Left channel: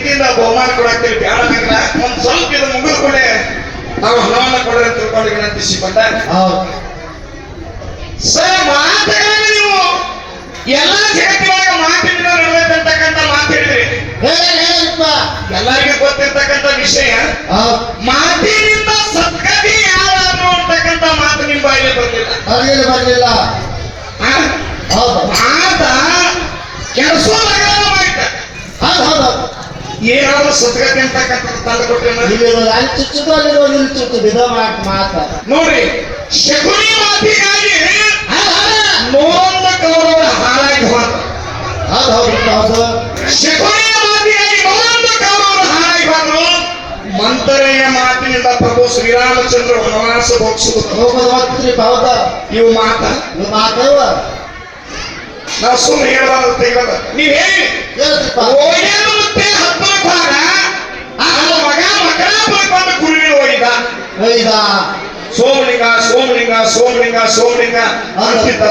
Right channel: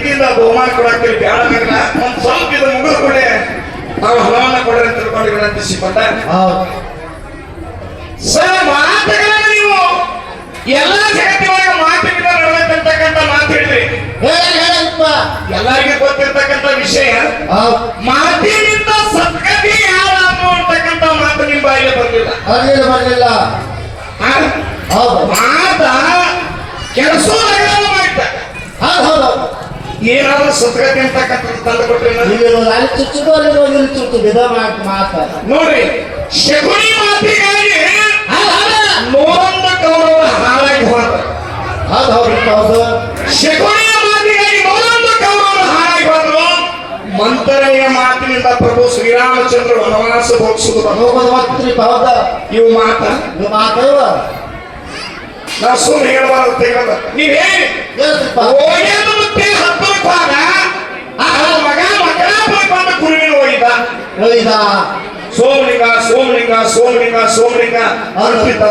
ಪ್ರೀತಿಯಿಂದ ಬಹುಮಾನ ಕೊಡಕ್ಕೆ ಬ್ಯಾಡ ನಗರ ಒಂದ್ ಸ್ವಲ್ಪ ಇದು ಮುಗಿದ ಕೊಡೆ ನಾವು ಹಣವನ್ನ ಅಂತ ತಿಳ್ಕೊಂಡು ವಿನಂತಿಸಿಕೊಂಡ ಹೌದು. ಸರ್ ಮಾತುಗಳನ್ನ ನೀವು ಎಲ್ಲ ಜಗತ್ತಿನೊಳಗ ಮಾತಿನ ನಡೆದಿರ್ತಕ್ಕಂಥ ಮಾತು ಹೇಳ್ರಿ ಹೇಳ ಹೇಳಪ್ಪ ಎಲ್ಲರಿಗೂ ಗೊತ್ತಿರ್ತಕ್ಕಂಥ ವಿಷಯ. ಮಾತಿನಿಂದ ಸತ್ಕರಿ ಯಾರ ಅನ್ನುವಂತಕ್ಕಂಥ ಮಾತು ನಿಮ್ಮ ಬಾಯಿಗೆ ಬಂದಿಲ್ಲ? ಹೌದು. ಮಾತ ಕೆಲಸ ಹೌದು. ಏನಾದ್ರು ಸದ್ಗತಿ ಅಂತಕ್ಕಂಥದ್ದು ತಂದು ಕೊಟ್ರಿ ಇಲ್ಲಿರೋದು ಅಲ್ಲಿ ಚುಚ್ಚುದು ಅಲ್ಲಿರೋದು ಇಲ್ಲಿ ಚುಚ್ಚುದು. ವಿಧ ಮಾತು ಮಾತು ನೋಡ್ರಿ ಶಕುನಿ ಮಾತಿಗಾಗಿ ನೋಂದ ಕೌರವ ಹಾಳಾಗಿ ಹೋದ. ಹೌದು ಹೌದು ಹೌದು. ಶಕುನಿಯ ಮಾತಿಗಾಗಿ ನೋಂದ ಕೌರವರು ಹಾಳಾಗಿ ಹೋದ್ರು. ಮಂತರೆಯ ಮಾತಿನಿಂದ ಪ್ರಭು ಶ್ರೀರಾಮಚಂದ್ರ ವನವಾಸ ಒತ್ತಿ ಹೌದ? ಇವು ಮಾತ. ನೀವು ಮಾತೇವ ನಾವು ಸುಮ್ಮನೆ ಹೇಳಬಾರದು ತೆಗೆದ ನೀವ್ ಹೇಳಿ ಹೇಳ್ತಿಪ್ಪ ಓಯ್ಯದ ಮತ್ತೆ ಹತ್ತರ ಭಾಗ ಆ ಮಗ ಬಂದ ಕುರುವಿನ ಒಯ್ದ ಒಯ್ದ ಸೋಮಲಿಂಗ ಸೋಮಲಿಂಗ ಸೋಮಲಿಂಗ ಸೋಮಲಿಂಗ. ಅಂತಿದ್ದ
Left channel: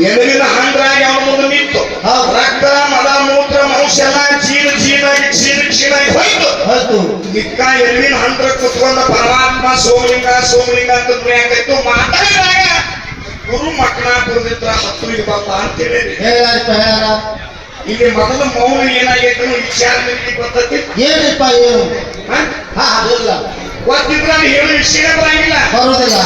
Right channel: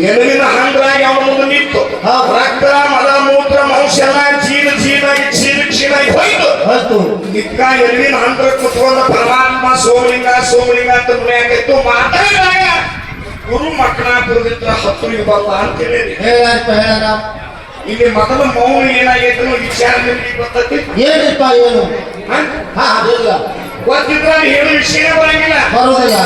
ಎದುರಿನ ಹಂದ್ರಾಗಿ ಅವನ ಮುಂದೆ ನಿಂತು. ರಕ್ತ ಮಲ ಮೂತ್ರ ಮನುಷ್ಯ ಜೀವ ಚೀಲಾಗಿ ಕ್ಷೀಣ ಕ್ಷೀಣಾಗಿ ಹೋಯ್ತು. ಹತ್ತು ನಿಕ್ಕ ಎಲ್ಲಿನ ಹಂದ್ರ ಕುತ್ಕೊಂಡ ಪರಮಾತ್ಮ ಸೋಮಲಿಂಗ ಸೋಮಲಿಂಗ ಅಂತ ಯಾಕೈತು ಮಾತಾಡಿದಾಗ ಗುರು ಮಕ್ಕಳಾಪುರದಿಂದ ಹತ್ತು ಬಂದ ಅಂತ ಹೇಳಿ ಹೇಳ ಇಲ್ಲಿ ಮೊದಲು ಮೌನ ಏನಾಗೈತೆ ಅನ್ನೋ ವಿಚಾರ ನಿಮಗೆ ಗೊತ್ತೈತಿ? ಏನಪ್ಪ ಏನು? ಹ? ಗೊತ್ತಿದ್ರ ಹೇಳೋ ವಿಷಯ ಬರಂಗಿಲ್ಲ. ಬರೋದಿಲ್ಲ.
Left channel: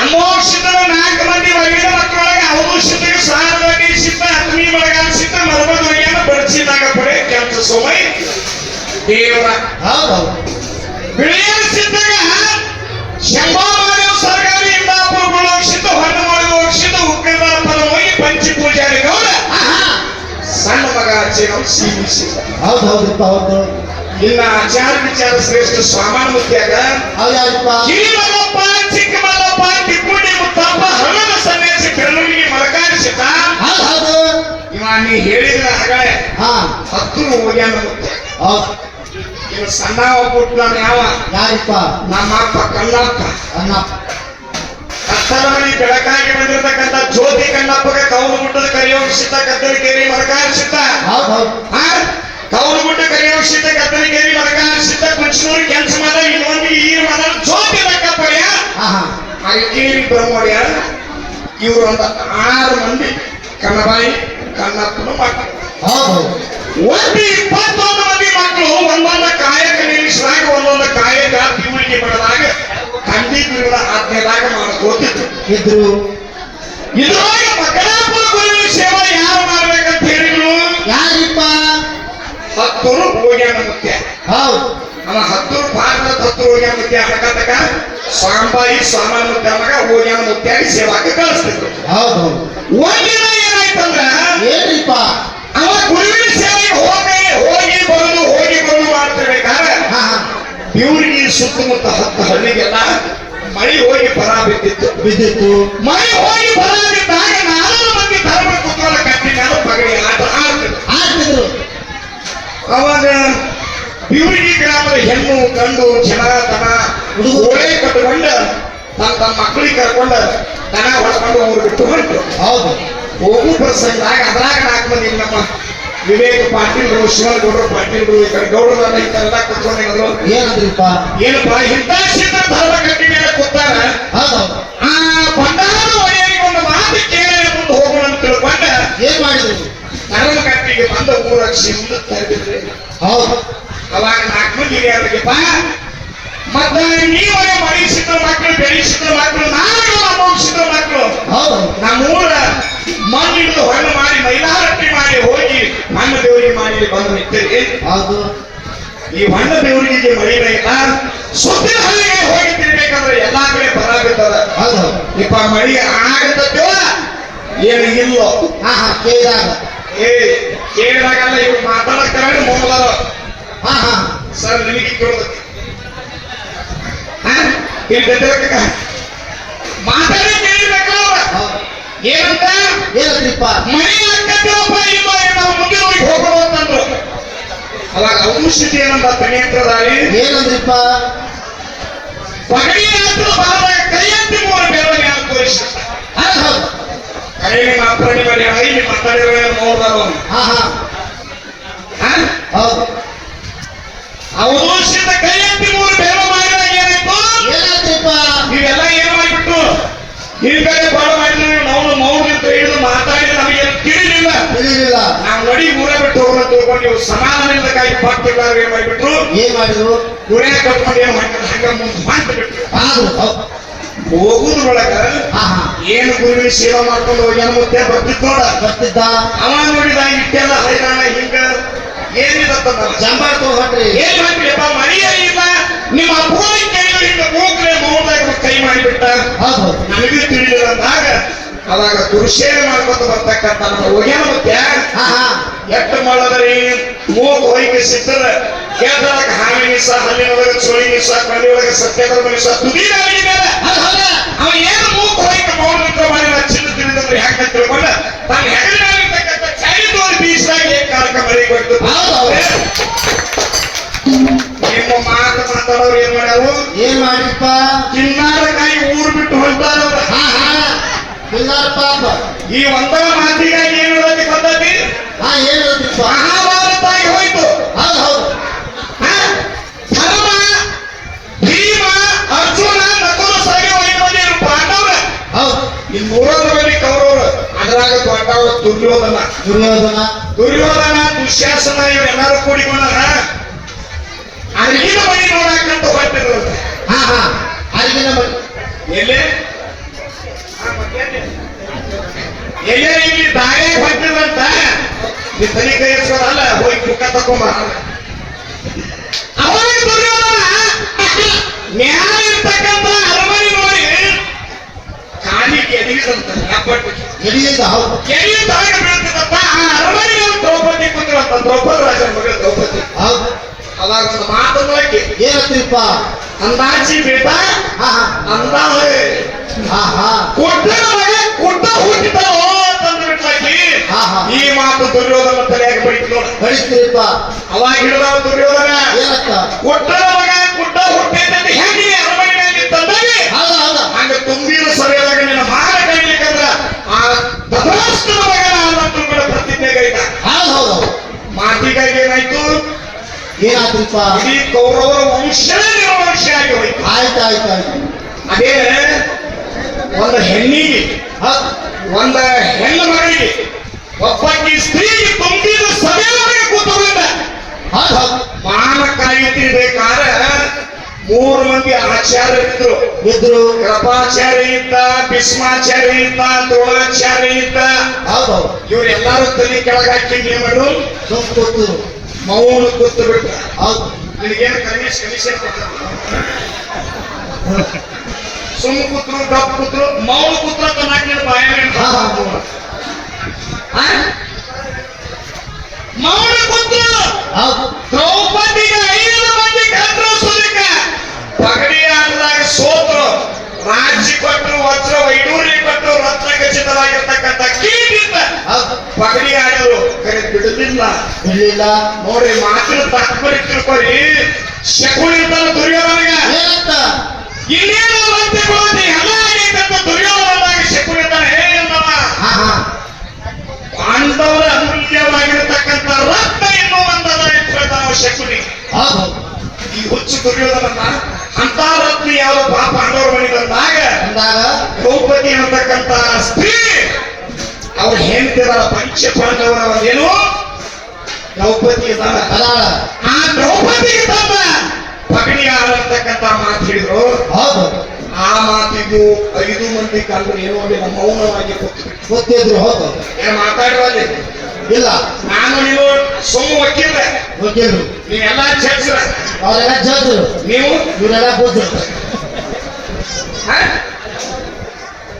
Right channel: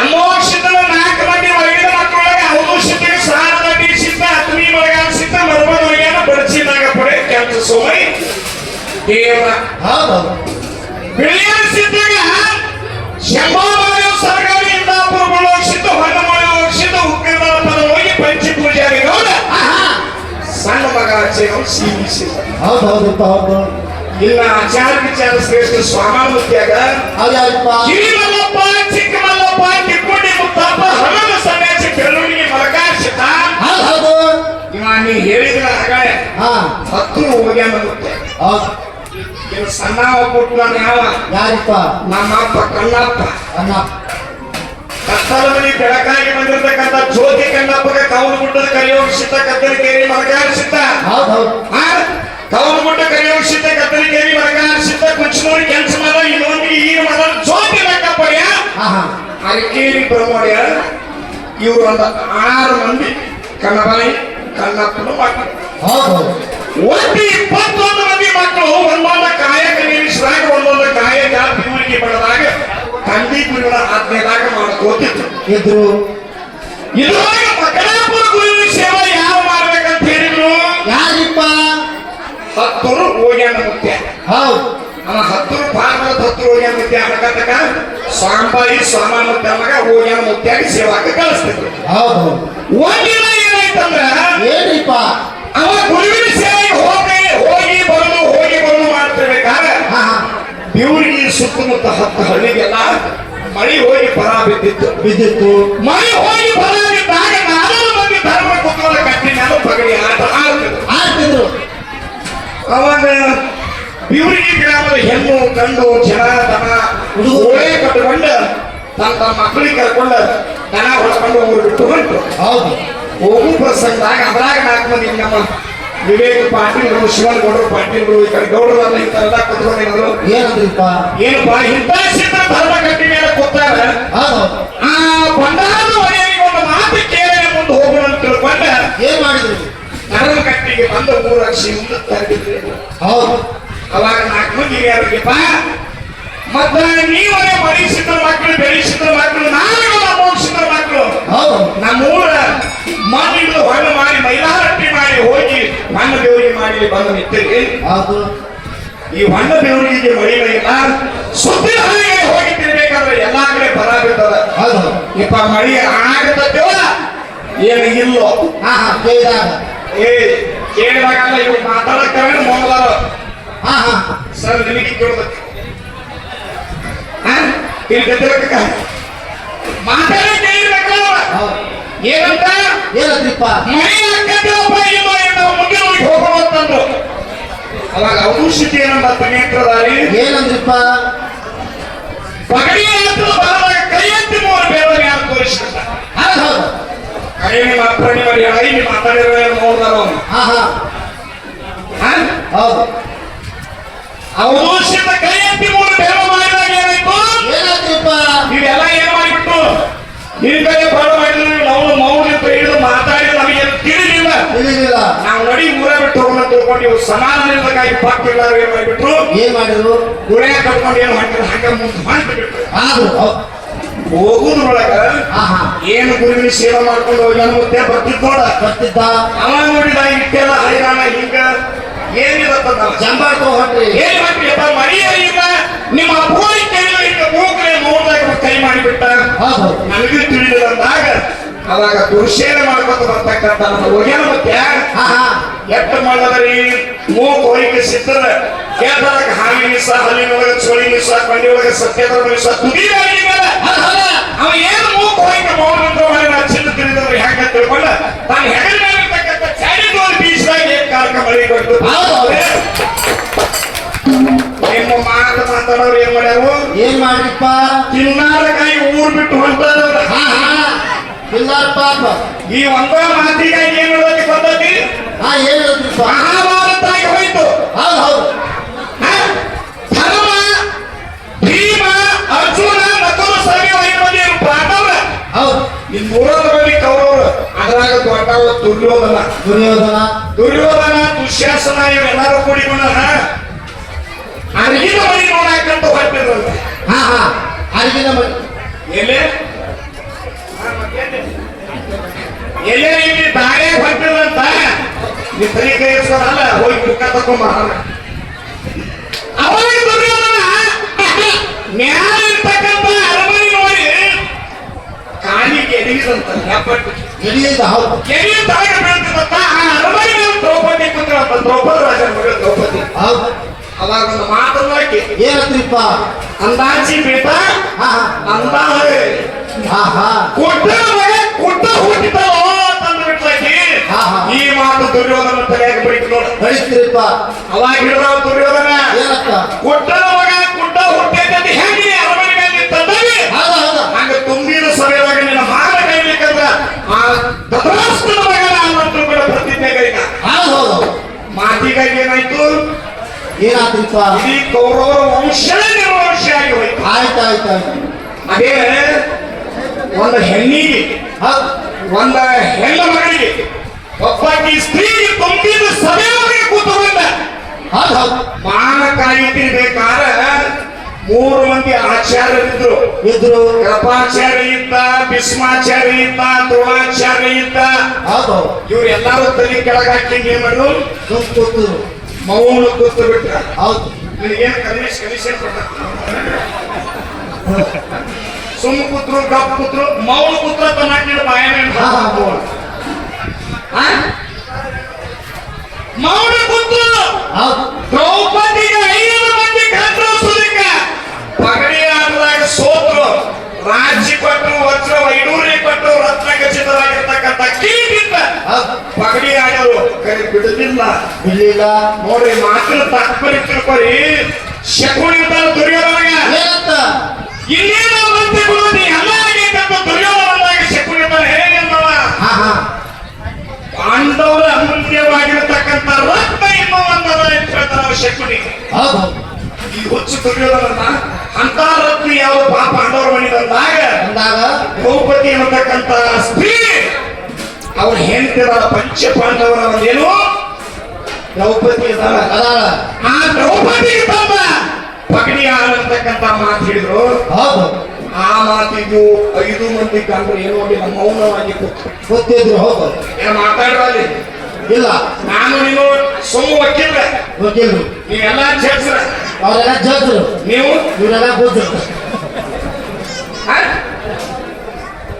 ಅಮೋಷಿತರು ನಾಲ್ಕು ಮಂದಿ ಒಳಗಿನ ಮಕ್ಕಳೊಳಗೆ ಅವಮೋಕ್ಷತೆಗೆ ಸಾರದಲ್ಲಿ ಸಿದ್ಧ ಅಗ್ನಿ ಒಳಗ ಸಿದ್ಧ ಮರ್ಮದೊಳಗೇನ ಬಡಿಸಿದಾಗ ಪಡೆ ಕೆಲಸ ಸೋಮೈ. ದೇವ. ಹೌದು. ಬಿಳಿಯ ಸಿದ್ಧಾಗ ಶಂಭಾಮಾನ ಹೌದು ಹೌದಪ್ಪ ಹೌದು ಇನ್ನ ಆಚಾರ ವಿಚಾರ ಶ್ರೇಷ್ಠ ಸ್ವಾಮಿ ಯಾವಪ್ಪ ಕಿರಿಮಲ್ಲಪ್ಪ ಚಿಕ್ಕಮಲ್ಲಪ್ಪ ತಿಪ್ಪುಡಿ ಮುತ್ತಪ್ಪ ಹಣದ ಸಮೇತ ಬೆಳವಣಿಗೆ ಮರಕಾರಿಸಿದ ಹೌದು ಇವ ನೀ ಹೇಳಿದ್ರ ಹಾಗಾಳೆ ಹಾ. ಹತ್ತು ಹೋಗ್ಯಾನ ಮತ್ತೆ ಸಣ್ಣ ಒಬ್ಬಟ್ಟು ನಾನು ಯಾವ ಯಾರಿಪ್ಪ? ನಮ್ಮಪ್ಪ ಕಣ್ಣಪ್ಪ. ಅಣ್ಣ ಮನೆ ಬೆಳಕಾಗಿ ಬಂದಿರತಕ್ಕಂಥ ಜ್ಯೋತಿ ಕಣ್ಣಪ್ಪಗ ಕವಲು ಗುಡ್ಡದ ಕರಿಯೋಗಿಸಿದ್ದ ಕತ್ತಲಿಗೇರಿ ಮರಕಾರಿಸಿದ್ದ ಹೌದು ಹೌದು. ಕವಲು ಗುಡ್ಡ ಕರಿಯೋಗಿಸಿದ್ದ ಕತ್ತಲಿಗೇರಿ ಮರಕಾರಿಸಿದ್ದ ಕುಂಚನೂರಿ ಕೆಲಸ ಮಾಡ ಇನ್ನೊಂದಿಗೆ ಈ ಮರ ಜ್ಯೋತಿ ಲೆಕ್ಕಪ್ಪಯ್ಯ ಅರಕೇರಿ ಬ್ರಹ್ಮೋಡ್ಯ ಇವರು ಒಂದು ಆರು ಮಂದಿ ಕಣ್ಣಬಾಯಿ ಕನ್ನಪ್ಪನ ಮಕ್ಕಳು. ಒಂದು ಒಟ್ಟು ಇದ್ರು ಇದ್ರೊಳಗೆ ಮಕ್ಕಳಾಪುರ ಗುರುವಿನ ಸೇವೆ ಯಾವ ಮಾಡ್ಬೇಕಂತ ಹೇಳಿದ್ರು? ಯಾರಿಪ್ಪ? ಹತ್ತೂರು ಹೋಗ್ಯಾನ ಮುಖ್ಯ. ಹೌದು. ಅವ ಹತ್ತೂರು ಭಾರತದ ಹತ್ತೂರು ಹೋಗ್ಯಾನ ಮುಖ್ಯ. ಅನ್ನಕತ್ತಕ ಸಾಂಬಾಯಿ ಸಾಮಾನ್ಯ ಮಗ ಹೋಗ್ಯಾನ ಮುಖ್ಯಾಗಿ ಸೇವಾಕ ಕಳಿಸ್ತಿದ್ರು? ಹೌದು. ಒಂದಿನ ಏನಾಯ್ತಂದ್ರ ಏನಿಪ್ಪ? ಅವ ಗುರುವಿನ ಸೇವೆ ಹೋಗಿ ಹೋಗಿ ಬರುದು ಹೋಗಿ ಬರುದು ಮಾಡ್ತಿರ್ಬೇಕಾದ್ರೆ ಇವ್ರಿಗೆ ಸುತ್ತಮುತ್ತ ಹತ್ತು ಹಳ್ಳಿಗೆಲ್ಲ ಮಳಿ ಹೋಗಿ ಬರ ಬಿದ್ದಿತ್ತು. ಬಿದ್ದಿತ್ತು. ಮಳಿ ಹೋಗಿ ಬರ ಬಿದ್ದಾಗ ನಾಲ್ಕು ಮಂದಿ ಧರ್ಮ ಕುತ್ಕೊಳ್ಳೋ ಕಟ್ಟಿ ಮೇಲೆ ಪಗಡಿ ಆಡ್ತಿದ್ರು. ಅವಾಗ ಬಿವರಿಗೆ ಗ್ರಾಮದ ಹೆಣ್ಣು ಗಂಡು ಜನ ದನ ಓಳೆ ಕಟ್ಟಿಕೊಂಡು ತನ್ನ ತಮ್ಮ ಮಕ್ಕಳಿಗೆ ಕರ್ಕೊಂಡು ದನ ಹೊಡ್ಕೊಂಡು ಅವ್ರು ಬಿಟ್ಟು ಹೊಂಟು ಹೌದು. ಹೋಗು ಪ್ರಸಂಗದಾಗ ಅದ್ರಾಗ ನಾಲ್ಕು ಮಂದಿ ನಮ್ಮ ವಿವೇಕ ಪಾಟೀಲ್ಗಳು ಶಿವನಗೌಡರು ಕಡೆ ಗೌಡರಲ್ಲ ಈ ಕಡೆ ಕುತ್ಕೊಂಡಿದ್ರು ಏನಂದ್ರಿಪ್ಪ? ಏನಪ್ಪ ಇಂಥ ಸಿದ್ಧ ಧರ್ಮ ಕಟ್ಟಿ ಮೇಲೆ ಕೂತಾರ? ಆ ಬಂಡಾರದ ಒಡೆಯರಿಗೆ ಒಂದು ಮಾತು ಕೇಳಿ ಮುಂದೆ ಹೋಗೋಣ ಅಂತ ತಿಳ್ಕೊಂಡ. ಏನ್ ಮಾಡಿದ್ರು? ಧರ್ಮ ಕಟ್ಟಿಗೆ ಬಂದ ಊರಾಕ್ಷಿ ಮುಂದೆ ತರಬಿದ್ರಿ ಹೌದು. ಅವಾಗ ನಾಲ್ಕು ಮಂದಿ ಯಾರಿಗಪ್ಪ ಮತ್ತ ನೀವೇ ಮರಿಸಿದ ಮಕ್ಕಳು ಬೆಳೆಸಿದ್ರು ಮಕ್ಕಳು ನಾನು ನಮ್ಮ ಮಕ್ಕಳು. ಹೌದು. ನಮ್ಮೂರ ಮಣ್ಣಿಂದ ಹೊಲ ಮಾಡಿ ಮೈಲಾರಟ್ಟಿ ಮಾಡಿ ಹೋಗಿ ಮಣ್ಣ ದೇವರಿಗೆ ಮಾಡಿ ಬಂದು ನಿಂತೇವೆ ಅದು ಈ ಮಣ್ಣ ದೇವರಿಗೆ ಮಳಿಗಳಿಲ್ಲ ಸುತ್ತಿನ ಹಳ್ಳಿಗೆ ಹೋಗಿ ತಿನ್ಬೇಕಂದ್ರೆ ಎಲ್ಲಾ ಕಡೆ ಬರ ಬಿದ್ದದ. ಹೌದು. ಇಪ್ಪ ಮಳಿ ಆಗತ್ತೋ ಏನು ಇಲ್ಲೋ? ಹಾ ಹಾ ಕೇಳಿದಾಗ. ಏ ಕೇಳಿದಾಗಲ್ಲ ಇವ್ರು ಮಾತಾಡಕ್ಕಾಗ ಮೊದಲ. ಹಾ ಹಾ. ಸರ್ ನಿಮಗೆ ಕೇಳೋದು ಹಾ? ಇಲ್ಲಿ ಗದ್ದೆಬೇಕ ಮಾತಾಡಿ ಕೇಳಬೇಕಲ್ಲ ಅವ್ರ. ಏನಂತ ಏನಂದ್ರಿಪ್ಪ ಮನೆ ಹಾಕತ್ತೇವಪ್ಪ ಮಾಡಿ ನಾವು ಮುಂದೆ ಊರಿಗೆ ಹೋಗೋಣ ಅಂತಂದ್ರು ಅವಾಗ ಔಷಧಿ ನಮ್ಮ ಪುಣ್ಯತ್ರದಾರಿ ಏನಂದ್ರಿಪ್ಪ? ಪಗಡಿ ಹತ್ರ ಬಂದಾಗ ಕೈ ಮೂರು ಬೇರೆ ಮ್ಯಾಲ ತೋರಿಸಿದ ಹೌದು ಹೌದು ಕೈ ನಿಮ್ಮ ಅಪ್ಪಣೆ ಮಾಡಿ ಐ ನಿಮ್ಮ ಮಾತಾಡಿರೋ ನೋಡ್ದಾರ ಅವ್ನು ಹಾ ಹಾ. ಹಾ? ಹೌದು. ಅವದೋಷದ ಕೈ ಎತ್ತಿ ಮೂರು ಬೇರೆ ಮಾಡಿದಾಗ ಏನಾಯ್ತು? ಏನಾಯ್ತಪ್ಪ ಇವೆಲ್ಲ ಏನ್ ಮಾಡಿಬಿಟ್ಟು ಹಿರಿಕಡೆ ಬಾಳ ಮಾಡಿದ್ವಿ ಹೋಗೋಣ ತಿಳ್ಕೊಂಡು ನೀವು ಸಮಾಧಾನದಿಂದಕ್ಕಾಗಿ ಪಾಕ್ತಿಲ್ಲ ಏನ್ ಮಾಡಿಬಿಟ್ರು? ಏನ್ ಮಾಡಿದ್ರು? ಗುರೇ ಕಟ್ಕೊಂಡು ಏನ್ ಮಾಡಿದ್ರು ಹಂಗ ಮುಂದೆ ಮಾಡ್ಬಿಟ್ರು. ಹೋಗುದ್ರೊಳಗ ಏನು ಗುರುವಿನ ಸೇವೆ ಮಾಡ್ಕೊಂಡು ಹೋಗ್ಯಾನ ಮತ್ತೆ ಬರ್ತಿದ್ ನೋಡ ಬರ್ತಿದ್ದ? ಅವ ನೋಡಿದ ಇಟ್ಟೆಲ್ಲ ಹೈರಾಣ ಹಿಂಗ? ಏನಿರತ್ತ ಜಂಬಾರ್ ತಗೊಂಡ್ರಿ ಏನ್ ಮಾಡ್ಬಿಡಪ್ಪ ಮರಿಯ ಇಲ್ಲ. ನಿಮ್ಮ ಪೂರಿ ಕೈಲಿ ಹಿಂಗ ಮೂಗ್ರೆ ನೋಡ್ದಾಗ ಕೈ ಮಾಡಿಬಿಟ್ಟ. ನಮಗೂ ತಿಳಿದಿರಂದಾಗ ಅವಾಗ ಪುರುಷೇನ ಮಾಡ್ಕೊಂಡು ಬರ್ತಕ್ಕಂತ ನಮ್ಮ ಹೋಗ್ಯಾನ ಮತ್ತೆ ಎಟ್ಟ ಮಾಡೋದ್ರಿ? ಮೂಗು ಹೋಗಿ ಸಿಕ್ಕದ ಕೇಳ್ದಾಗ ಹಾಲಿನ ಮಿಸ ಹಲ್ಲಿನ ಒಳಗೆ ಚೋಳಿ ಮಿಸ ಕಣ್ಣಿ ಒಳಗೆ ಸತ್ಯದ ಮಿಸ ತುದಿ ಅವ ಏನು ಮೂಕ್ ಹೋಗಿ ಮಾಡೋದಂತ ಮಾಡಿ ನಾ ಚಿನ್ನ ತಿಳಿದವ್ರು ಹೆಂಗ ತಿಳ್ಕೊಂಡ ತಾನು ಹೆಗಲಿನಾಗಿರ್ತಕ್ಕಂಥ ಚಾಡಿ ತೋರಿ ಬೀಸಿದಾಗ ಏನ್ ಕಾರಕ ಮರಿ ಕೊಟ್ಟು. ನಿಮ್ಮ ಮಾತು ಮಾತಾಡೋರು ಏನ್ ಮಾಡ್ಯಾರು? ಏನ್ ಮಾಡಿಪ್ಪ ಚಿನ್ನಾರ ಕಾಯಿ ಊರ್ ಬಿಟ್ಟು ಹೊಂಟಾರವ್ರ ಹಾ ಹಾ ಇಲ್ಲಾರ ಪಾಪ? ಈ ಒಂದ ಮಾತಿಗಾಗಿ ಏನ್ ಹೇಳೋದಕ್ಕೆ ಬಂದತಿ ಹಾ ಏನ್ ಹೇಳ್ತಿಪ್ಪ ಮಹಾಭಾರತ ಆಗಿ ಹೋಯ್ತು. ಹೌದು ಹೌದು? ಧರ್ಮ ಭೀಮ ಅರ್ಜುನ ನಕುಲ ಸಹದೇವ ಮಂದಿ ಪಾಂಡವ್ರ? ಹೌದು. ಈ ಮೂರರಲ್ಲಿ ಕೌರವರು. ಅದ್ರಾಗ ದೊಡ್ಡವ ದುರ್ಯೋಧನ. ದುರ್ಯೋಧನ? ದುರ್ಯೋಧನ ದುಶ್ಯಾಸನ ಇವರೆಲ್ಲರೂ ಕೂಡಿಕೊಂಡಾರ? ಅರ್ಗಿನ ಮನೆ ನೋಡಕ್ಕಂತ ಹೊರಟಿದ್ರಂತೆ. ಹಾ ಹಾ. ಅರಿಗಿನ ಮನೆ. ಎಲ್ಲೇ? ಎಲ್ಲೇ ಇಲ್ಲಿ ದಾರೆ ಹೊರಟಿದ್ರಂತ ನೀ ತಲೆ ಎಸ್ಕೊಳಲ್ಲ ಹೋಗಿ ಬುಕ್ಕ ತಗೊಂಬ ಅವಾಗ ದುರ್ಯೋಧನ ಮ್ಯಾಲ ಇರ್ತಕ್ಕಂಥ ಅರಮನೆ ನೋಡಿ. ಕಾಲಿ ಕೆದಗಿದಂತ ಹೆಬ್ಬಟ್ಟು ಎಲ್ಲಿಂದ ಹೌದು. ಎಲ್ಲಿ ತಲೆಗೆ ಬೀಳ್ತದಂತ ಆ ಅರಮನೆ ದ್ರೌಪದಿ ಕುಂದ್ರಂತ ದ್ರೌಪದಿ ರಾಜನ ಮಗಳು ದ್ರೌಪದಿ. ಹೌದು. ಅವಾಗ ಒಂದು ಮಾತನ್ನ ಹಾಕಿ ಏನತ್ರಿಪ್ಪ? ಅಂದಾಜಿ ಬಿಟ್ಟ ಅಂದಾಜೆ ಹಾ ಹಾ. ಕೊಟ್ಟ ಮಗ ಕೊಟ್ಟ ಹುಟ್ಟಿತಾವೋ ತಂದು ಹಾ. ಈ ಮಾತು ದುರ್ಯೋಧನ ತಲೆಯಾಗಿ ಬಡಿತು ನೋಡ ಕಳಿಸ್ತೀರಿಪ್ಪ ಅವಾಗ ಹಿಡಿದವ ದುರ್ಯೋಧನ. ಏನಕ್ಕ ಕೊಟ್ಟ ಮಗ ಕೊಟ್ಟ ಹುಟ್ಟೈತೆ ಹೆಂಗೆ ಅರಮನೆ ಮೇಲೆ ಹೌದ ಹಂಗ ತುಂಬಿದ ಸಭೆಯೊಳಗ ನಿನ್ನ ಕೈಲಿಕ್ಕಂದ್ರ ಆ ದಬರಾಷ್ಟ್ರದ ಮಗ ಅನ್ನೋದು ಕೂಡ ಪ್ರತಿಜ್ಞೆ ಮಾತಿಗಾಗಿ ಏನಾಯ್ತು? ಏನಾತ್ರಿಪ್ಪ ಈ ಕೌರವರ ವಂಶ ನಿರ್ವಂಶ ಆಗಿ ಹೋಯ್ತು. ಆಯ್ತು ಆಯ್ತು ಆಯ್ತು. ಅದೇ ಒಂದು ಹೆಣ್ಣಿಗೆ ಒಂದ ಹೆಣ್ಣು ಮಗಳಿಗೆ ಒಬ್ಬಾಕಿ ಸ್ತ್ರೀಗೆ ತುಂಬಿದ ಸಭೆಯೊಳಗೆ ಕೂತ್ಕೊಂಡ. ಅದು ಹೌದು ಮಾನ ಕಾಯುತ್ತಿರ್ಬೇಕಾದ ಮೂರು ಮಂದಿ ಆಚಾರ್ಯರಿದ್ರು. ಇದ್ರು ಕೃಪಾಚಾರ್ಯ ಇದ್ದ ಭೀಷ್ಮಾಚಾರ್ಯ ಇದ್ದ ದ್ರೋಣಾಚಾರ್ಯ ಇದ್ದ ಇವರೆಲ್ಲರೂ ತಲೆ ಕೆಳಗೆ ಹಾಕಿ ಏನ್ ಮಾಡಿದ್ರು ಸುಮ್ ಕೂತು, ಮೌನ ಕೂತು ಬಿಟ್ಟ ಹೌದು, ನಿನಗೇನು ಕಮಿಷನ್ ಕಮಿಷನ್ ಕೊಡ್ತಾರೆ ಸುಮ್ಮ ಪುತ್ರ ಮೌನ ಪುತ್ರ ತನಕ ಬಾಯ. ಮೌನ ಪುತ್ರ ದ್ರೌಪದಿಗೆ ಐದು ಮಂದಿ ಕತ್ರ ಸುಲಿಕ ಪಗಡಿ ಆಟದಾಗ ಸೋತರು ರಾಜಿ ಕೊಟ್ಟು ವಜ್ರ ವೈಡೂರಿ ಕೊಟ್ಟು ರತ್ನ ಖಚಿತವಾಗಿರ್ತಕ್ಕಂಥ ಕೀಟಿಂದ ಪಗಡಿ ಆಡೋರು. ಕರೆ ಬಿಡುದಿಲ್ಲ. ಇರ್ಲಿಲ್ಲ ನೋಡ್ರಿ ಮಾತ್ರ ತಾತ್ಪರ್ಯ ತಿಳ್ಕೊರಿ ಶಕುನಿ ಅಂತ ದುರ್ಯೋಧನಗ ಇನ್ನೇನು ಮಂತ್ರಿಗಳು ಹಣ ಆಗೈತಂತ ದುರ್ಯೋಧನದಾಗ ಶತ್ರುಗಳ ಹೇಳಿಲ್ಲವ ಹಾ ಹಾ. ಪಾಂಡವರ ಅಮೂಲ್ಯವಾಗಿರತಕ್ಕಂಥ ರತ್ನ ಎನ್ನುವ ಒಂದದ ಅಂತ ಹೇಳ್ತಾನ ಶಕುನಿ ಹೌದು. ಈ ಹುಚ್ಚು ದುರ್ಯೋಧನ ಅಂತ ರತ್ನ ಯಾವ ಪಾಪ ಪಾಂಡವರ ಮನೆ ಬಂದಾಗ ದ್ರೌಪದಿ ಅನ್ನತಕ್ಕಂಥ ಸ್ತ್ರೀ ಅವ್ರು ಹೇಳ್ತಿದ ಪಂಚ ಪಾಂಡವರ ಒಂದೇನು ದ್ರೌಪದಿ ಅದಾಳ. ಆ ದ್ರೌಪದಿ ತಮ್ಮ ಪಗಡಿ ಅಂತಕ್ಕಂಥ ಮಾತು ಹೇಳಿದ್ರು. ಹೌದು. ಆ ಮಾತಿದ್ದು ಐದು ಮಂದಿ ಕಂಡು ಏನೋ ಒಂದು ಮೌನವಾಗಿ ಗೊತ್ತಿದ್ರು ಹೌದು. ಮಾತಾಡೋಲ್ಲಿ ಇಲ್ಲ. ನಾನು ನೀವು ಸುಮ್ಮ ವಕೀಲ. ವಕೀಲರು ನೀವೆಲ್ಲ ಚರ್ಚ್ರ ಅವರೆಲ್ಲ ಜಡ್ರು ನೀವು? ಇವರೆಲ್ಲ ಬುದ್ಧರು?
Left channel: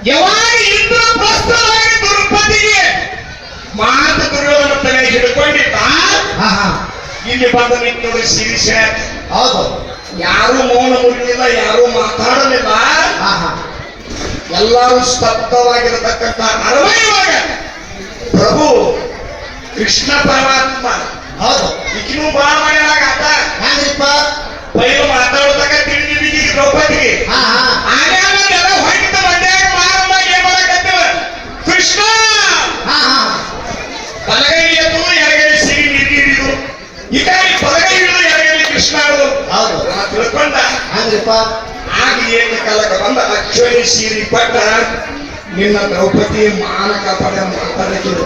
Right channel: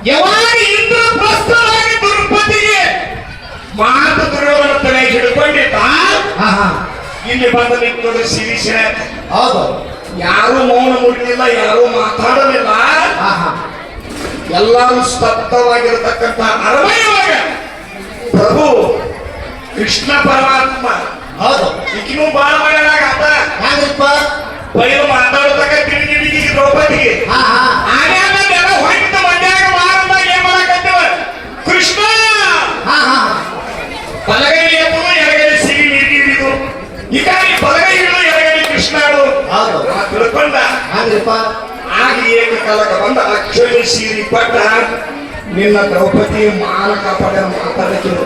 ಯಾವಾಗ ಇಂದ್ರ ಪ್ರಸ್ತುತವಾಗಿ ದುರ್ಪತಿಗೆ ಮಾತು ದುರ್ಯೋಧನ ತಲೆ ಹಿಡ್ಕೊಂಡಿದ್ದ ಇಲ್ಲಿ ಬಂದು ನಿಂತು ಶಿರೀಷ ಹೌದು. ಯಾರು ಮೌನ ಮುಟ್ಟಿಲ್ಲ ಯಾರು ಮಾತಾಡಲಿಲ್ಲ. ಹಾ ಹಾ. ಎಲ್ಲರೂ ಸ್ತಬ್ಧವಾಗಿರತಕ್ಕಂಥ ಅರವೈವಾಗ ಪ್ರಭು ಕೃಷ್ಣ ಪರಮಾತ್ಮ. ಹೌದು. ಈಗಿನೂ ಬಾಳ ಮಾಡ್ಯಾರಾಗತ್ತ ಹೆಂಗ್ರಿಪ್ಪ ಬಯಲು ಮಾತಾಡತಕ್ಕ ತಿಳಿದಿದ್ದೀಗಿ ದ್ರೌಪದಿಗೆ. ಮಧ್ಯಾಗ ಮಾರಮ್ಮ ಏನ್ ಮಾಡಕತ್ತೇವ? ಕೃಷ್ಣ! ಹಾ ಹಾ. ಬಲಗೈ ಎತ್ತು ಎಡಗೈ ಸಿಗಿ ನಿರ್ಗಿರಿದು ಈ ಕಾಲಿ ಬಲಗೈ ಹಿಡಿದು ತಿಳ್ಕೊಂಡ ಕೃಷ್ಣ ಆಗ ಆಗ ಏಕಕಾಲಕ್ಕೆ ಬಂದ. ಅಕ್ಷಯ ಸೀರಿ ಪಟ್ಟ ನಿನ್ನ ದ್ರೌಪದಿ ಮಾನಕ ಪಡೆದ ಮಾತಾಡಕ್ಕೆ ಹೌದು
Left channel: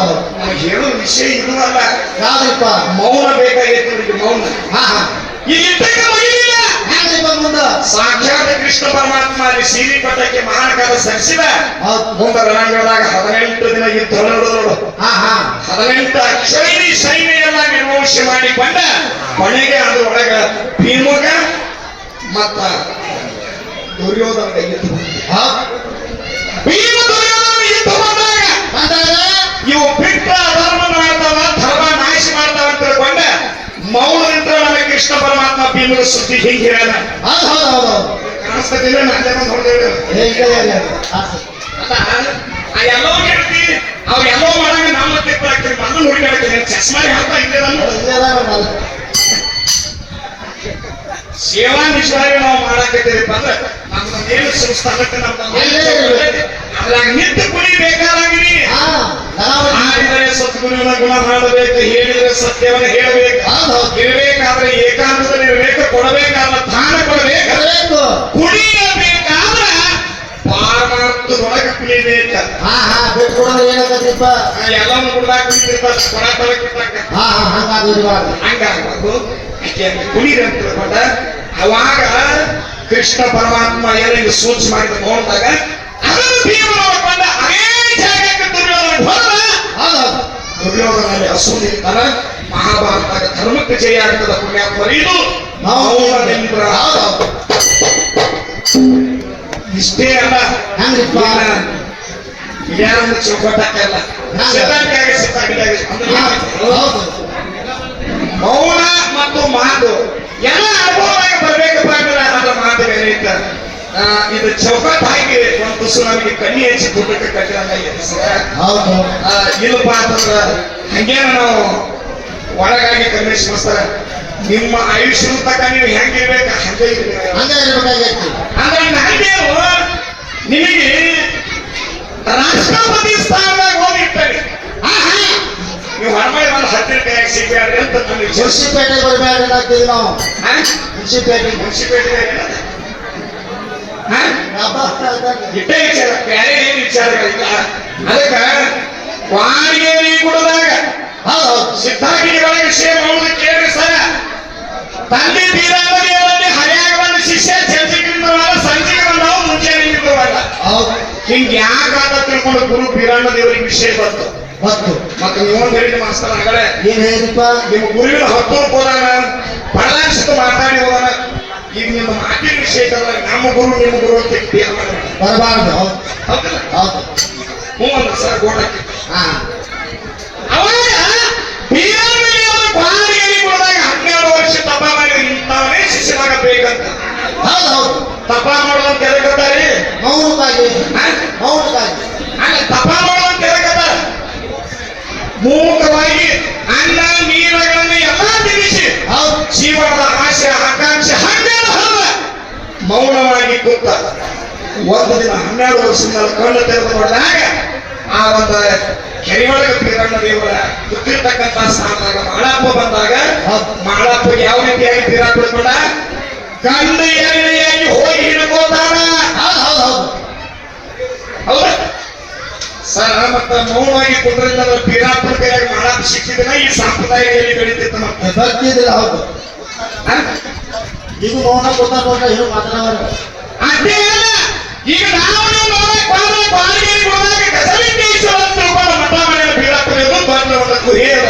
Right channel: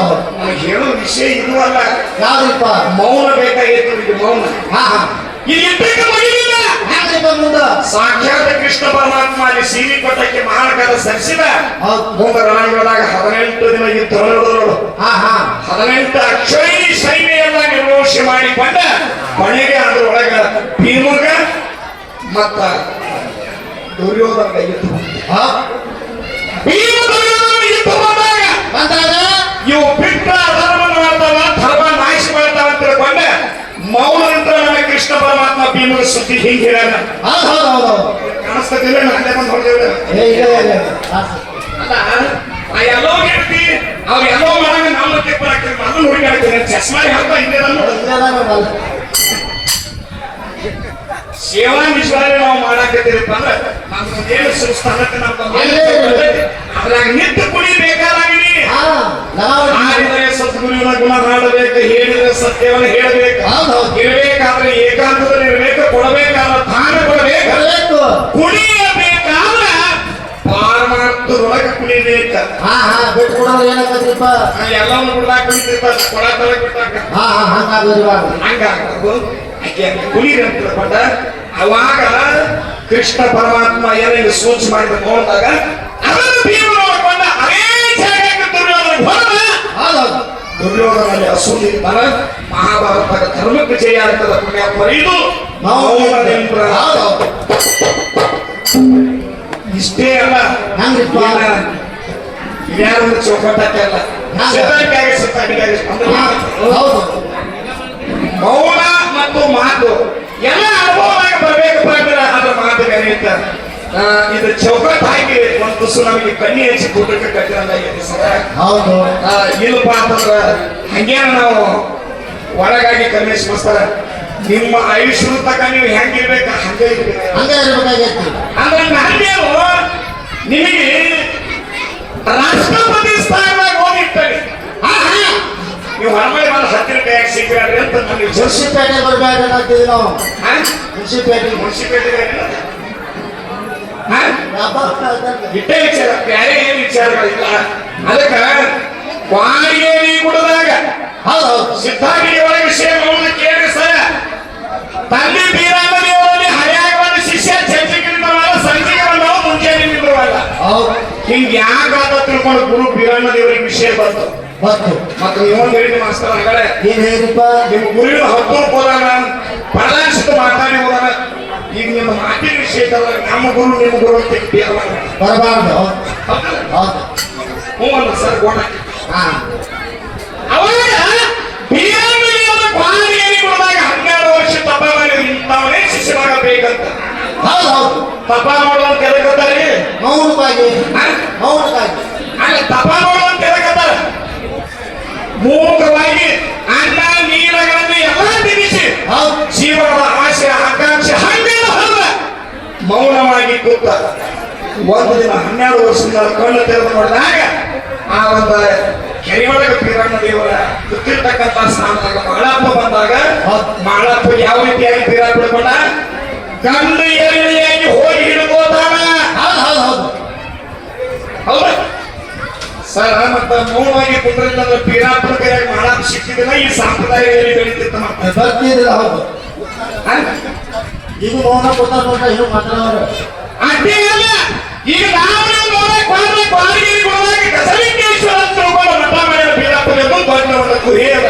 ಹೌದು. ನನಗೆ ಹೇಳೋ ವಿಷಯ ಇದ್ರಲ್ಲ ಯಾವ್ದಪ್ಪ ಮೌನ ಬೇಕಾಗಿತ್ತು ಮೌನ. ಹಾ ಹಾ. ಈಗ ಮುಂದ ಸಾಕ್ಷಾತ್ ಕೃಷ್ಣ ಪರಮಾತ್ಮ ಅಲ್ಲಿ ಸೀರಿ ಪಟ್ಟಕ್ಕೆ ಮಾನಕರ ಸರಿಸಿದ. ರಣಂಗದಾಗ ಹದಿನೆಂಟು ದಿನ ಈ ಹಾ ಹದಿನೆಂಟು ಅಕ್ಷಯರಿ ಸೈನ್ಯ ಎಲ್ಲ ನಿರ್ವಹಣೆ ಮಾಡಿಕೊಂಡ ಕೊನೆಗೆ ಅದರೊಳಗ ಭೀಮಗ ಮತ್ತ ದುರ್ಯೋಧನ ಯುದ್ಧ ಹಾ. ಭೀಮ ದುರ್ಯೋಧನ ಯುದ್ಧ ಬಂದಾಗ. ಬಂದಾಗ? ಇವು ಬಿಟ್ಟ ಧರ್ಮ ಮಾಡ್ತಾವ ಧರ್ಮ ನಾಶ ಮಾಡ್ತಾವ ಅಂತ ತಿಳ್ಕೊಂಡ ಅಂತ ನಮಗೆ ಕೃಷ್ಣ ಪರಮಾತ್ಮ ಭೀಮನ ಸುದ್ದಿ ಹಿಂಗೆ ನಾನೇ ಬಂದು ಎಲ್ಲೋ ಹೇಳ್ತಿ ಅವ್ ಎಲ್ಲೋ ಮಾಡಾಗ ನಮ್ಮ ಕೆತ್ತಾಕ್ತಾರೆ ನನ್ನ ಹುಡುಗಾಡ್ತೀನಿ ಚಸ್ಮಾ ಹೇಳ್ತಾ ಇದ್ದೇನೆ ಇಲ್ಲ ಅದ ನೋಡಲ್ಲ. ಸೇವಾ ವಿಶ್ವಾಸ ನಾವು ಮಾಡಾಕತ್ತೀರಪ್ಪ ಅಂದ್ರೆ ನಮ್ಮ ಏನು ಸ್ಥಳಕ್ಕೆ ನಮ್ಮ ಅದ್ರಾಗ ನಿಂತು ನಾವು ಮಾಡಿದರೆ ಸದ್ಗುರುವಿನ ಗುಣ ಮಾಡಬೇಕು ಹೇಳಿದರೆ ಸತ್ಯವನ್ನು ಹೇಳಬೇಕು. ಇರಬೇಕಾದ್ರೆ ಏಕಾಂತದಲ್ಲಿ ಇರಬೇಕು ಕೊಡಬೇಕಾದ ದಾನ ಕೊಡಬೇಕು. ಬರಬೇಕು ಕುಣಿಯಬೇಕಾದ್ರೆ ಪಾರಮಾರ್ಥದೊಳಗೆ ಕುಣಿಬೇಕು ಹಾ ಹಾ ಬಿಟ್ಟು ಕೊಡೋರು ಏನಕ್ಕಂದ್ರಿಪ್ಪ ಎಲ್ಲವನ್ನು ಕುಡ್ದಾಕ ಕುಣಿತಿರ್ತಾರೆ ಕೊಡ ತಲೆ ಕೊಟ್ಟಾಕ ಹಾ ಹಾ ಹಂಗಾಗಿರ್ಬಾರ್ದು ಹಂಗಾಗಬೇಕು ತಿಳ್ಕೊಂಡ ಅವಾಗ ಕೃಷ್ಣ ಪರಮಾತ್ಮ ಏನೇನು ಸೂಚನೆ ಮಾಡಿದ ನೋಡಿದಾಗ ಅದನ್ನು ಭೀಮ ಮಾಡಿಕೊಂಡ ಅದೇ ಜಾಗಕ್ಕೆ ದುರ್ಯೋಧನ ದುರ್ಯೋಧನಲ್ಲಿ ಅಸೂರಿರ್ತಾನ ಮಹಾಭಾರತ ಧರ್ಮಕ್ಕೆ ಜಯ ಅಂತದ ಪುಣ್ಯ ಹೌದು ಹೌದು ಇಷ್ಟೇ ಅಲ್ಲ ಯಾರು ಚೌಕಟ್ಟಕ್ಕೆ ಅಲ್ಲ ಸಿದ್ಧಾಂತಿಯಾಗಿ ಸಿದ್ಧಾಂತಿಯಾಗಿ ಹೌದು. ಮೌನ ಮತ್ತು ಮಾತು ಎಲ್ಲ ಅನುಭವವಾಗಿ ಬರ್ಬೇಕಪ್ಪ ಅಂದ್ರೆ ಅದರ ಮಾತು ಆ, ಇದು ಚೌಕಟ್ ಹಾಕಿ ಒಂದು ತುಸು ನಮಗೆ ಕಣ್ಣಿ ಹೆಚ್ಚಿ ಐತಿ ಸರ ಹೌದು. ಇಲ್ಲಪ್ಪ ಅಂತಂದ್ರ ಹಂಗೇನ ನಾವು ಒಳಗಾಗಿ ಮಾಡ್ತಾರ ನಿಮ್ಮ ಆಯುಷ್ ತಕ್ಕ ನೀವು ಹೆಂಗಿರ್ಬೇಕು ಹಂಗೆ ಇರ್ಬೇಕು. ಹಂಗೆ ಇರ್ಬೇಕಾಗೈತಿ. ಅಂದ್ರೆ ನಾನೇವು ನಿಮಗೆ ರಾಷ್ಟ್ರಪತಿ ಸ್ಥಾನದಾಗ ಹೋಗಿರ್ತಾರೆ ನೀವು ಹೊರಮನೆ ಬಂದು ಹತ್ತಿರ ಕೈಯಾಗ ಸಿಗ್ಬೇಡ್ರಿ ಅಂತ ನಮಗೆ ಮುನ್ಸಿಪೇಟೆ ಬರ್ಬೇಡ್ರಿ ನಾವು. ಮುನ್ಸಿಪೇಟೆ ಮುನ್ಸಿಪೇಟೆ ಇಟ್ಟೇ ವಿಚಾರ ಬೇರೆ ಏನು ವಿಚಾರಗಳಿಲ್ಲ ಅದಕ್ಕ ಗುಡದಾಗ ಹೌದು. ಹೌದು ಸಿದ್ಧಾಗಿರಿ ಒಳಗೆ ವಿಷಯ ಮೌನ ಕೇಳಿ ಸರ ತಂದೆ ಬೀರಾಮದೇವರಲ್ಲಿ ಹರ್ಯಾಗ ಬಂದ ಶಿಷ್ಯ ಚರ್ಚೆಗಿಂತ ಸಂಜೆಗೆ ಬಂದವ ಮುಂಜಾನೆ ಬರಲ್ಲ ಹಿಂಗ ಯಾಕಾಗ ತಿಳ್ಕೊಂಡು ಗುರು ಬೀರಾಮದೇವರಿಗೆ ವಿಷಯ ಬಂತು ಬಂತು. ಮತ್ತು ನೀವು ಹೇಳಿದ ಮಾಸ್ತರ್ ಹಾಗಾದ್ರೆ ಏನ್ ಹೇಳಿಪ್ಪ ನಿಮ್ಮ ಗುರುವಿನ ಹತ್ತು ಹೋದಾನ ಪರದಾಶಿತ ಮಾತಾಡಿ ಹೋದಾನ ಈಗ ನಿಮ್ಮ ಮಾತಿನ ವಿಷಯದಲ್ಲ ನಮ್ಮ ಗುರು ನಿಮ್ಮ ಗುರು ಅಂತ ಮಾಡ್ಬೇಡ. ಬರಬಾರ್ದು. ಹ್ಞೂ ಅಲ್ಲ ಸರ್ ಗೋಟಕ್ಕೆ ಹನ್ನೆರಡು ವರ್ಷ ತಪ ಮಾಡಿ ಇಂಥವನೇ ಶಿಷ್ಯನಾಗಬೇಕಂತ ಹೌದು ಹೌದು. ತಪ ಮಾಡೋದು ಕೆಳಗತ್ತಾರೆ ಮೌನವಾಗಿ ಮೌನವಾಗಿ ತಪ ಮೂಕವಾಗಿ ಒಂದು ದಿನ ಹನ್ನೆರಡು ವರ್ಷದಿಂದ ಕಣ್ಣು ತೆರೆದು ನೋಡಿದಾಗ ಆ ಒಂದು ಕೆರೆ ಒಳಗೆ ಬೀರಣ್ಣ ದೇವರ ಕೂತಿರ್ತಕ್ಕಂಥ ಸ್ಥಾನದಾಗ ಮಾಳಪ್ಪ ಬಂದಾಗ ಮಾಳಪ್ಪ ಯಾವ ರೀತಿಯಾಗಿ ಬೀರ ಬಿಡ್ಕೊಂಡ ಗಂಡ ಏರಿಯಾಗಿ ಹೋಗಿ ಹಿಡ್ಕೋತಾನ. ಹೌದು. ಸರ್ ಮತ್ತ ಮೌನವಾಗಿ ಕುಂದ್ರಿಂದ ಪೀರಾಪುರ ಕೈಯಾಗ ಮಾಳಪ್ಪ ಸಿಕ್ಕಿದ್ರೆ ಈ ಸಂಪ್ರದಾಯದಲ್ಲಿ ಬೆಳೀತಿತ್ತು ಮತ್ತೆ. ಹೌದು? ಈಗ ಮೌನ ನೋಡ್ರಿ ಏನು ಮಾತಾಡೋರು ಅಷ್ಟೇ ಅಲ್ಲ ಈಗ ನಾವು ನೋಡಕ್ ಬಂದ್ರೆ ಬಾಲಿಗೆ ಹೋದಾಗ ಗಸಲಿಂಗೇಶ್ವರ ಅಂತ ತಿಳ್ಕೊಂಡು ಮಠ ಮಾಡಿದ ಬೀರಪ್ಪನದು ಬಂದವನ ಕುರಿಯದ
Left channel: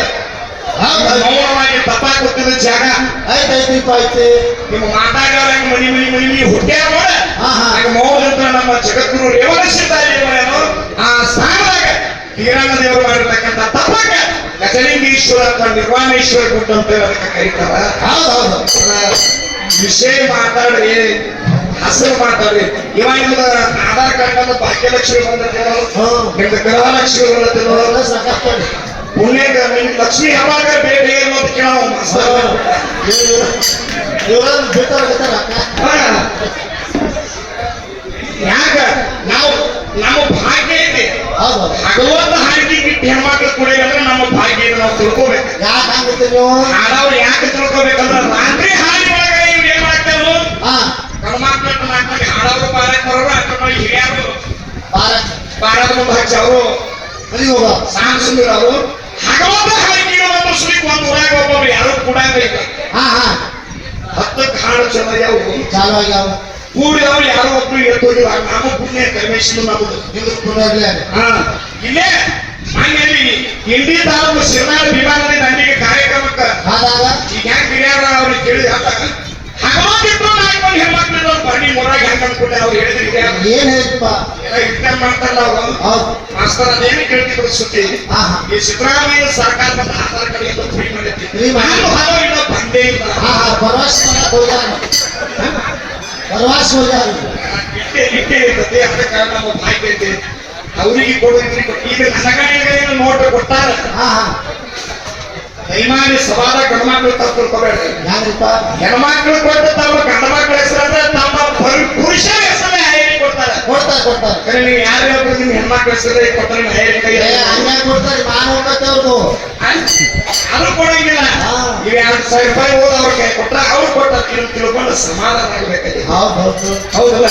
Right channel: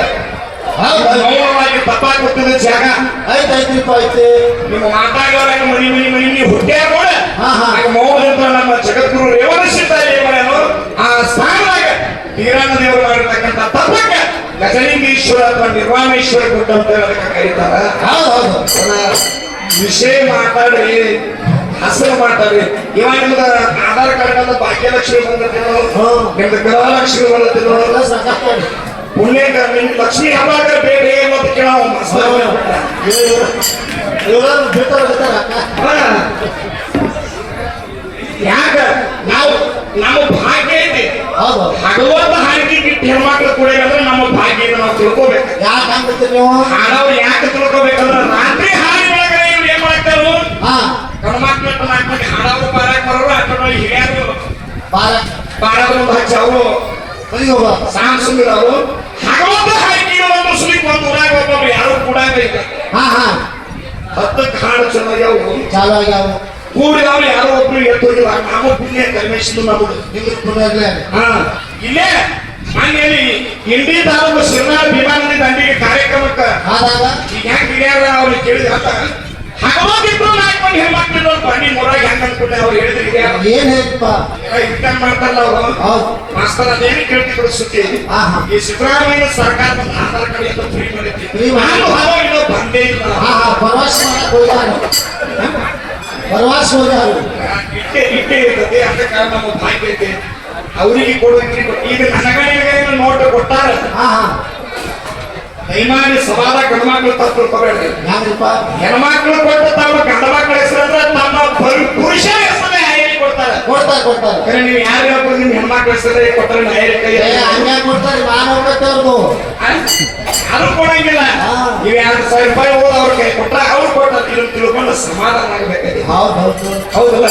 ಹೌದು ಹೌದು. ಮೌನವಾಗಿ ತಪ್ಪ ಕೂತಿದ ಜಾಗ. ಐತ್ರಿಪ್ಪ ಐತೆ ನಿಮ್ಮ ಮಾತಾಡೋದಾಗ ಮನಿ ಮನಿ ಮನಿ ಮನಿ ಹುಟ್ಟ್ಯಾಗ ನೋಡ ಹಾ, ಹಾ. ಆಗ ಮೌನದ ನಮ್ಮ ಜಗದ್ಗುರು ರೇವಣ ಸಿದ್ದಾರೇವನು ಆ ಸ್ಥಾನದಾಗ ಬೀರಣ್ಣ ದೇವರು ಮಾಡಿರ್ತಕ್ಕಂಥ ತಪ್ಪಕ್ಕ ಗಜಲಿಂಗೇಶ್ವರ ಅಥವಾ ನಿರ್ವಾಣೇಶ್ವರ ಕೊಟ್ಟು ಅಂತ ಕರೀತಾರ. ವಿಷಯ ಮಾತಾಡ್ರಿ ಹಸರು ಮಾಡ್ತಾರೆ. ಇವಾಗ ಆಧಾರ್ ಕಾರ್ಡ್ ಅಂತ ಭಾಗ್ಯಲಕ್ಷ್ಮಿ ಬಂದಿರೋ ಹ್ಮ್. ನಿಮ್ದು ಗೃಹಲಕ್ಷ್ಮಿ ಬಂದಿರೋ ಎಲ್ಲ ಸಾಕಷ್ಟು ಪುಣ್ಯ ನಿಮ್ ಲಕ್ಷ್ಮಿ ಯಾವಾಗ ಬೇರೆ ಅನ್ನೋದು ಕೇಳೋ ಯಾಕ? ನಾವು ನಮ್ಮ ಭಾಗ್ಯ ಐತಿ ಹೌದು. ಭಗವಂತ ಹಾಕಿ ಹೆಣ್ಮಕ್ಳು ಕುಡಿಯ ಅಂದ್ರೆ ನಮ್ಮ ಭಾಗ್ಯ ನಾವು ತಿಳ್ಕೋಬೇಕು. ಯಾಕೆ ನೀವು? ಹಾಡವ್ರು ಯಾಕೆ ತಿಳ್ಕೊಬೇಕಂದ್ರೆ ರಾತ್ರಿ ಹಾಡಿನ ಇವ್ರು ಏನ್ ಮಾಡ್ತಾರೋ ಹಾ ಮಕ್ಕಳು ನಾಲ್ಕು ಮಂದಿ ಹಾಡೋರು ಪಾರಕ್ ಬರೋರು ಅಥವಾ ಹಿರಿಯರು ಬಾರ ಮುಂದೆ ಹಚ್ಚಿ ಅವರು ಹೋಗ ಸಾಂಸ್ಕೃತಿಕ ಅವರು ಹಗಲೊಂದು ಒಂದು ಒಂದು ಊರಾಗ ಒಬ್ಬೊಬ್ರು ಯಾರು ಕೂಡ ಬೇಕು? ಹಾ ಹಾ. ಹತ್ತಕ್ಕೆ ಹಾಡು ಚೆನ್ನಾಗ್ಯಾವು ಚಾಲು ಆಗ್ಯಾವ ಕೂಡಿ ಅವ್ರು ಯಾರೋ ಒಬ್ರು ಎತ್ತೋಗಿಲ್ಲ ನಾವು ಪುಣ್ಯ ಕರ್ಮೇಶ್ವರ ಹಾ. ಇಲ್ಲೇ ಮನೆಯಲ್ಲಿ ಇಂಡಿ ತಾಲೂಕು ಶಿವನಾಳ ಭೀಮಾನಂದ ದಂಡಿಗೆ ಕಾರ್ಯಕ್ರಮಕ್ಕೆ. ಈಗ ಹಿರಿಯರ ಅವ್ರಿಗೆ ಕೇಳಿದ ಹಗಲೊಂದಿಟ್ಟು ನಾಲ್ಕು ಹೆಣ್ಮಕ್ಳು ಬನ್ನಿ ಮೊರಾಗ ಹೆಂಗ್ ಅನ್ಕೊಂಡೆ ಅವ್ರು ಹೇಳಿದ್ರಿ ಹಿರಿಯರು ಏನ್ ಹೇಳ್ತಪ್ಪ ಇಟ್ಕೊಂಡ್ ಮಾಡ್ತಾರಲ್ಲ ಅವರು ಮಾಸ್ತರ್ ಅದೇನು ಕೇಳ್ತಿದ್ರು ಸುದ್ದಿ. ಈ ಸಿದ್ದರಾಮಯ್ಯ ಸರ್ಕಾರ ಆಧಾರ್. ನಾನು ಬಂದೇ ಇಲ್ಲ ಪ್ರವಾಸ ಪ್ರವಾಸ ಇಟ್ಟೆ ಇಟ್ಟೆ ಇರ್ತದೆ ಅದ ಕಾರಣ ನಮ್ಮ ಬಾಯ್ಕ್ ಐತೆ ಅವರಿಗೆ ಕೊಡೋದ್ರಿ ಈಗ ನನಗ ನೋಟ್ ಕೊಟ್ಟಾರ ಹಾ ಸಮಾನ ಸವಾಲ ಗಂಡ್ಮಕ್ಳು ತಪ್ಪು ಹೆಂಗ್ರಿಪ್ಪ ಹೆಣ್ಮಕ್ಳು ಕೊಟ್ಟು ತಮ್ಮ ಗಂಡ ಮಕ್ಕಳ ಹೆಸರಂದ್ರೆ ತಮ್ಮ ಪುರು- ಪುರುಷರ ಹೆಸರೇ ಕೊಡ್ತಾರೆ. ಕೊಡ್ತಾರ ನೀವು ಯಾರೇ ಒಬ್ರು ನಿಮ್ಮ ಹೆಣ್ಮಕ್ಳ ಹೆಸರೇ ಕೊಟ್ಟರೆ ಹಾಯರಿ ಕೈ ಏ ಹಂಗೆ ಕೊಡ್ತಾರೆ? ನಾನು ಅದು ಕೊಡಂಗಿಲ್ಲ. ಹಾ. ನೀವು ಎರಡು ಸಾವಿರ ರೂಪಾಯಿ ಹೋದ ಅವ್ರ ಕೈ ಕೊಟ್ಟ ಅವ್ರು ಕೊಟ್ಟ ತಿಳ್- ತಿಳ್ಕೊಂಡು ಸಮಾಧಾನ ಆಗ್ಬೇಕಾಗಿದೆ. ಹೌದು ಹೌದು ಹೌದಲ್ಲ?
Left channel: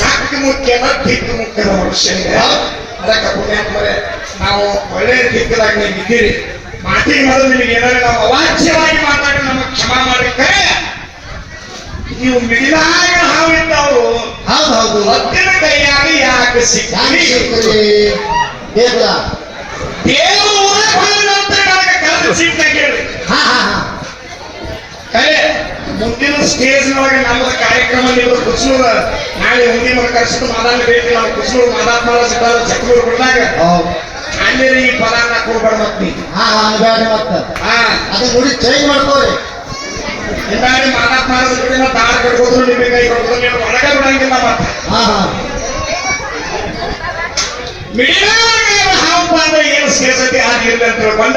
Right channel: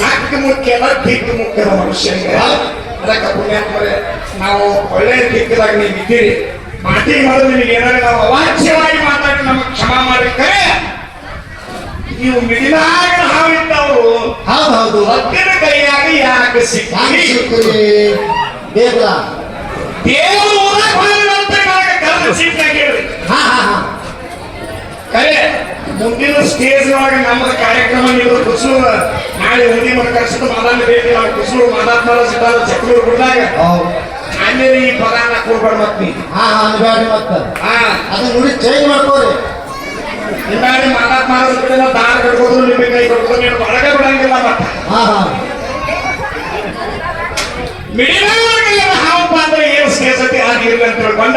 ನಾಲ್ಕು ಮುಖ್ಯ ಅಲ್ಲ ದಿಕ್ಕು ಮುಖ್ಯದ ಮನುಷ್ಯನಿಗೆ ಅದಕ್ಕೆ ಪುಣ್ಯಾತ್ಮರೇ ನಾವು ಒಳ್ಳೆಯ ದಿಕ್ಕದಾಗ ನೀವು ಇದ್ದೀರಿ. ಮಾತಿಗೆ ಮೊದಲು ನಿಮಗೆ ಏನಾದ್ರು ನಾವು ಅವಾಚ್ಯವಾಗಿ ಮಾತಾಡಿ ನಮಗೆ ಕ್ಷಮಾ ಮಾಡಿ ಕರೆ ನೀವು ಮಿಡಿದಾಗ ಹಾವಿದ್ದವರು ಹೌದು ಹೌದು ಒತ್ತಿನ ಕೈಯಾಗ ಯಾಕೆ ಸಿಕ್ಕಿ ಬೇಕಲ್ಲ ದೇವರು. ಊರಾಗ ನಂತರ ನನಗೆ ಕರೆದು ಸೀಟ್ನಾಗ ಹೇಳಿ ಹಾ ಕರೆ ಮುಂದಿನ ಸ್ಟೇಜ್ ಒಳಗೆ ನಮ್ಮದು ಕಾರ್ಯಕ್ರಮ ನೀವು ಕುಸೂರು ನಾಳೆ ಮುಂದಿನ ಕರೆಸಿದ ಮಾದಾನ ಭೇಟಿ ನಾವು ಕುಸೂರು ಮಾದಾತ್ಮರ ಸಿದ್ಧಾಲ ಚಕ್ರೂರು ಬಿಟ್ಟಾಗ ಅಲ್ಲಿ ಈ ಪಗಾರ ಕೊಡ್ಬಾರ್ದು ಮತ್ ನೀ ಹಾ ಅನ್ಬೇಡ್ರಿ ಮತ್ತೆ. ಹಾ. ಅದು ನೋಡಿ ಚೇಂಜ್ ಮಾಡ್ಕೋರಿ. ಹಿಂಗಾಗಿ ಮಾದಾತ್ಮರ ಸಿದ್ಧಾಲ ದಾರ ಕಟ್ಬೋದು ನಿಮಗೆ ಕೈ ಕೊಡ್ಬೋದು ನೀವು ಒಳಗೆ ಬಿಡಂಗಿಲ್ಲ ಮತ್ತೆ. ಹಾ ಹಾ. ಹಾವಪ್ಪ ಅಂದ್ರೆ ಏನು ಸೇರ್ಸತಿ ಆಗಿಲ್ಲ ಅಂತ ಹೇಳ್ಕೊಂಡ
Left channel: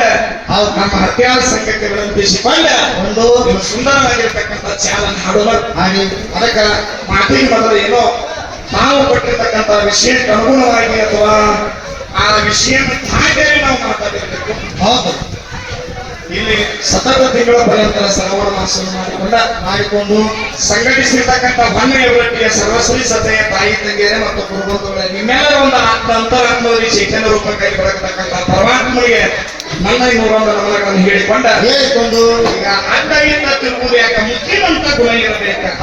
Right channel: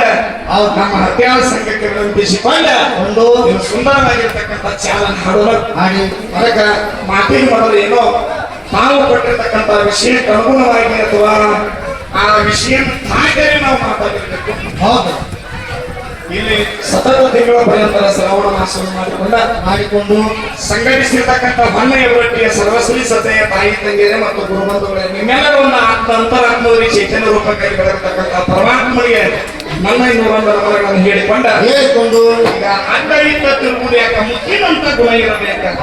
ಹೌದು. ನಮ್ಮ ಹತ್ಯಾರ ಸಂಘಕ್ಕೆ ವಿನಂತಿಸಿಕೊಂಡ ಒಂದು. ಸುಂದರವಾಗಿರ್ತಕ್ಕಂಥ ಚಾಲನ ಹಾಡೋಣ ಹಾಗೆ. ಅದಕ್ಕೆ ಮಾತಿನ ಮೊದಲು ಏನೋ ತಾವು ಕೊಟ್ಟಿರ್ತಕ್ಕಂಥ ವಿಷಯಕ್ಕೆ ಅನುಗುಣವಾಗಿ ಅಥವಾ ಆ ವಿಷಯವನ್ನು ಹಾಗೆ ನಾವು ಮಾತಾಡಬೇಕು. ಹೌದು. ಇಲ್ಲಿ ಸತತ ತಿಂಗಳ ಪರ್ಯಂತರ ಶ್ರವಣ ಮಾಸ ಮಾಡಿಕೊಂಡ ಮಾಡಿಕೊಂಡು ಸಂಘಟಿಸಿರ್ತಕ್ಕಂಥ ಬಣ್ಣ ಒಟ್ಟಿಗೆ ಸರ್ವಸ್ವಿ ಸತೆಯ ತಾಯಿ ತಂಗಿಯರ ಮತ್ತು ಕುಟುಂಬದವರ ನಿಮ್ಮೆಲ್ಲರ ಒಂದು ಆತ್ಮ ಅಂತರಾತ್ಮದಲ್ಲಿ ಚೈತನ್ಯ ರೂಪಕ್ಕೆ ಬೆಳಗತಕ್ಕಂಥ ಪರಮಾತ್ಮನಿಗೆ ನನ್ನ ಇನ್ನೂ ಒಂದು ನಮನಗಳನ್ನು ಹೇಳಿಕೊಂಡ ಹೇಳಿಕೊಂಡು ಈಗ ಅಡ್ಡ ಇದ್ದ ತಿರುಗುವುದು ಯಾಕೆ ಮುಖ್ಯನಂತ ಗುಣ ಇರಬೇಕು?